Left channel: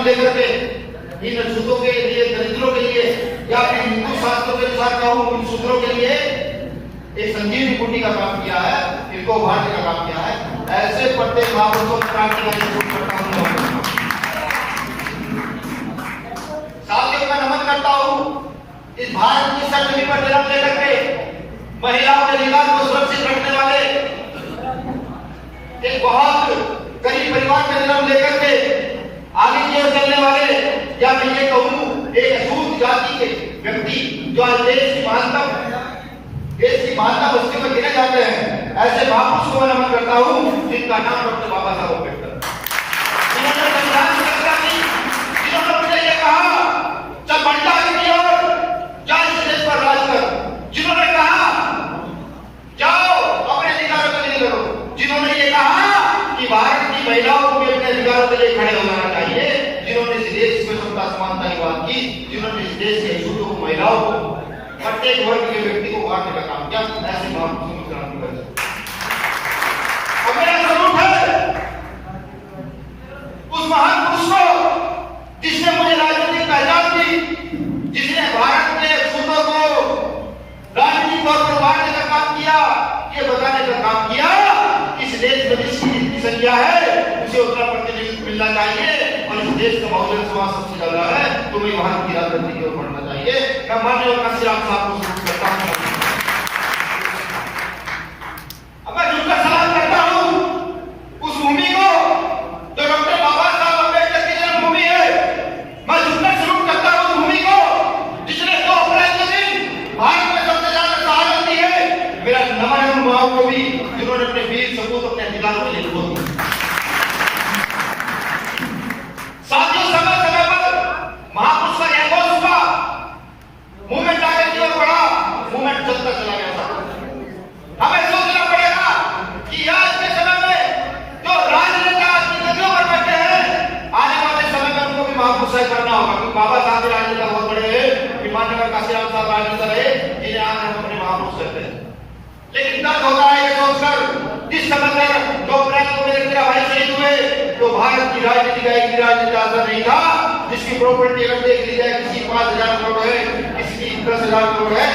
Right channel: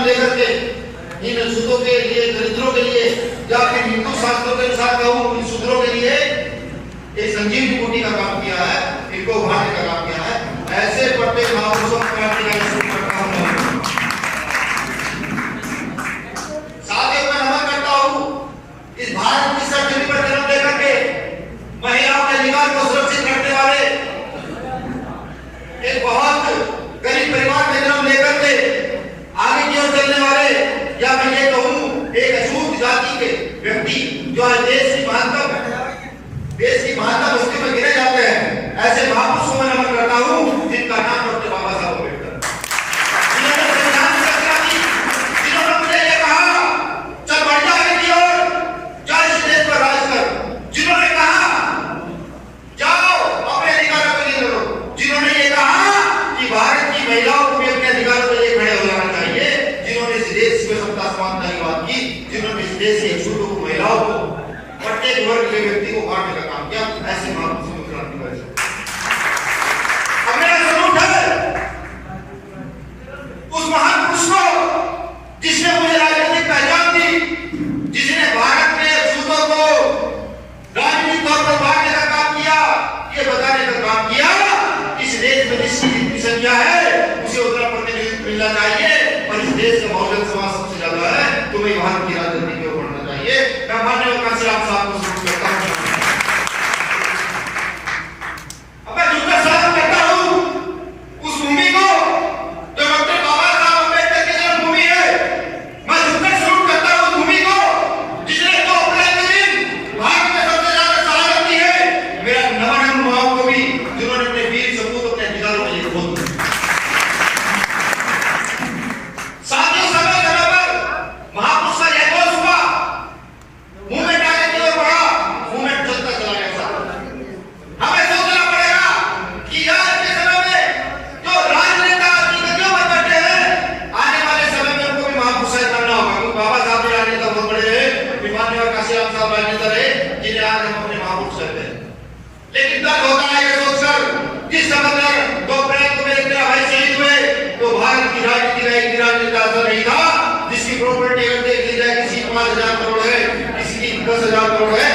नाम लेकर के इन शूद्रों के लिए, दरिद्रों के लिए, या फिर हिंदू शास्त्रों के अनुसार कहूं इन शूद्रों के लिए एक संजीवनी बूटी का काम किया है, इनको उभारने का काम किया है। ऐसे प्रत्येक महापुरुषों की क्रांति का स्मरण करता हूं। साथियों मैं नमन करता हूं इस भारत की धरती पर जन्म लेकर के महिलाओं के अधिकार को सुरक्षित रखने वाले, एक बहुत गरीब परिवार में जन्म लेकर के आगे की ओर चलने वाले, या मैं ये कहूं एक अछूत जाति के व्यक्ति जो आज देश की महानता बस्ती में गिने जाते हैं, ऐसे महापुरुषों को नमन करता हूं जिनका नाम डॉक्टर बाबा साहब अम्बेडकर, जिन्होंने संविधान की रचना की, जिन्होंने मुझे ये कहा चल बढ़ जा आगे की ओर, जा इस देश पर राज कर, जिन्होंने कहा जाओ अपने अधिकारों के लिए लड़ो, जिन्होंने ये कहा कि भारत की महिलाओं को भी अपने अधिकारों के लिए खड़े हो जाना चाहिए, जिन्होंने इस देश में समता समानता की बात की, जिन्होंने इस देश के छूटों को, महिलाओं को, प्रत्येक वर्ग के व्यक्ति को उभारने का काम किया, ऐसे महापुरुषों को क्रांति कर। अब मेरा सलूट है उस महान पुरुष को जिसने मुझे राजनीतिक पहचान दी, जिसने भारत में छूटों को राजनीतिक तौर पर उभारने का काम किया, ये बताने का काम किया इस देश में जिसकी जितनी संख्या है उसे उतना प्रतिनिधित्व मिलना चाहिए, और इस देश का बहुजन समाज सबसे ज्यादा है, तुम्हें भारत की राजनीति की ओर बढ़ना चाहिए। मैं माननीय काशीराम साहब को सल्यूट करता हूं। अब मैं झुककर सलाम करता हूं उस भूमि को जो डॉक्टर बाबा साहब अम्बेडकर की जन्मभूमि है। मैं झुककर सल्यूट करता हूं उस भूमि को जिसने 2 अप्रैल के दिन भारत में सबसे ज्यादा शहादत दी है। मेरा नमन है उन माओं को भी जिन्होंने अपने वीर सपूत अपने अधिकारों के लिए खो दिए। साथियों समय समय पर महापुरुष का यह घोष हुआ, मूवमेंट आगे की ओर बढ़ा, मूवमेंट चलता चला गया। हमें सोचना पड़ेगा कि आज के समय में जो राजनेता की गद्दियों पर बैठे हैं, आने वाले समय में उनको भी महापुरुष बनना होगा, क्योंकि बाबा साहब भी राजनेता बहुत बड़े हैं, माननीय काशीराम साहब राजनेता रहे, जिन्हें आज हम अपने महापुरुष कहते हैं। लेकिन दर्द होता है ये सोचकर जिस समय 2 अप्रैल को मेरे 13 भाई शहीद हुए, तो भारत की राजनीति का एक राजनेता ऐसा नहीं था जिसकी प्रॉपर्टी अगर देख ली जाए किसी 5,000 करोड़ है, किसी की 10,000 करोड़ है,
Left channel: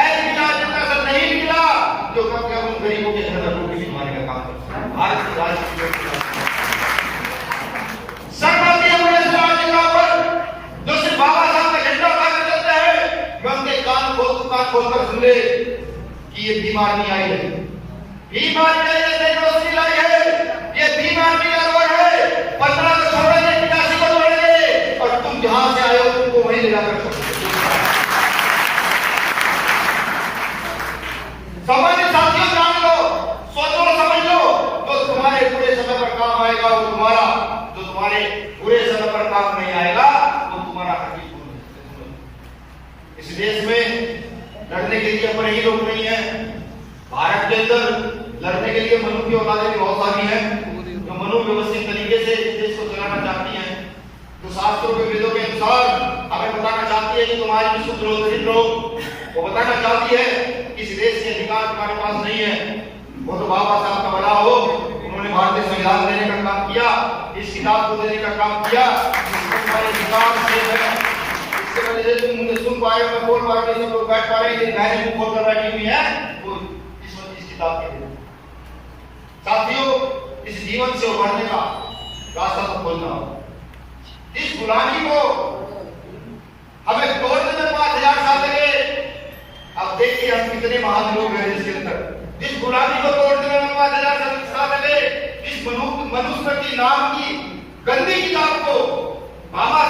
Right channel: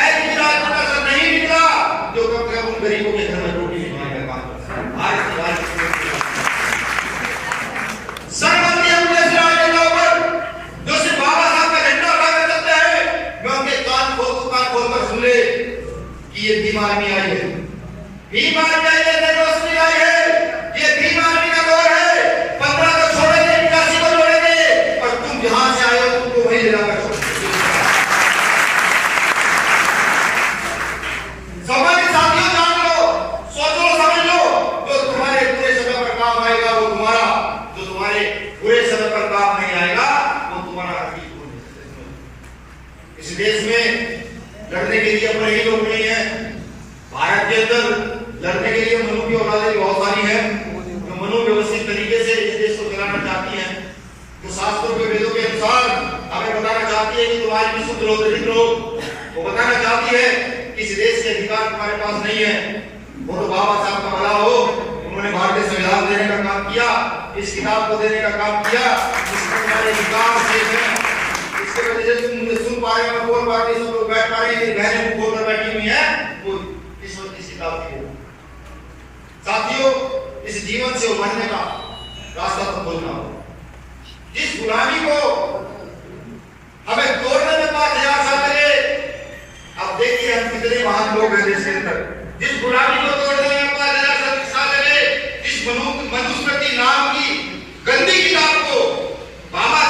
ऐसी राजनेता सब नहीं मिला जो कम से कम उन गरीबों के घर में रोटी खिलाने का काम करता। आज की राजनीति सरमती अपने राजनेताओं पर जो सिर्फ बाबा साहब का झंडा उठाकर चलते हैं, मैं उनके कान खोलकर सुन ले कि ये भीम आर्मी आई है, भीम आर्मी आई है, रोशनी आई है, ये भीम आर्मी का दौर है। 15 को छोड़ेंगे, 85 को छोड़ेंगे, और तुम जहां से आए हो तुमको वहीं ले जाकर छोड़ेंगे। समझ साथियों, जान लो, सोच लो, समझ लो, जो तुम्हारे बुरे समय पर काम आएगा वो तुम्हारा, जो तुम्हारे बुरे समय पर काम नहीं आएगा वो तुम्हारा हकीक होगा। इस देश में लड़ने के लिए अपने ही लोग नहीं है। भारत के अंदर लड़ने के लिए मनु की औलादें बहुत सारी हैं, जो मनु व्यवस्थित तरीके से इस देश को चलाना चाहती हैं, जो शास्त्रों के वेदों के अनुसार हमें बताना चाहती है कि तुम्हारी विशुद्ध हो, दरिद्र हो, वो बताना चाहती है कि इस देश के अधिकार तुम्हारे पास नहीं है। वो तो बाबा साहब का भला हो, उन्होंने भारतीय संविधान देने का काम किया, इस किताब को देने का काम किया, जिसमें तुम्हारे अधिकार शेष है। इसके वजह से तुम मुझे सुन पा रहे हो, मैं बोल पा रही हूं, सब लोग बैठ पा रहे हैं, तेरी बहनें भी बोलकर बैठी हुई हैं, वो इस वक्त इस किताब की। साथियों, इस जीवन से उभरने का रास्ता तो खोलना होगा। जिस गुलामी को हमें तोड़ने में 5,000 साल लगे, अब देखिए हम कितने महान लोग हैं देश के अंदर। जिस गुलामी को तोड़ने में 5,000 साल लगे, जिस मनुस्मृति नाम की गंदी किताब को बाबा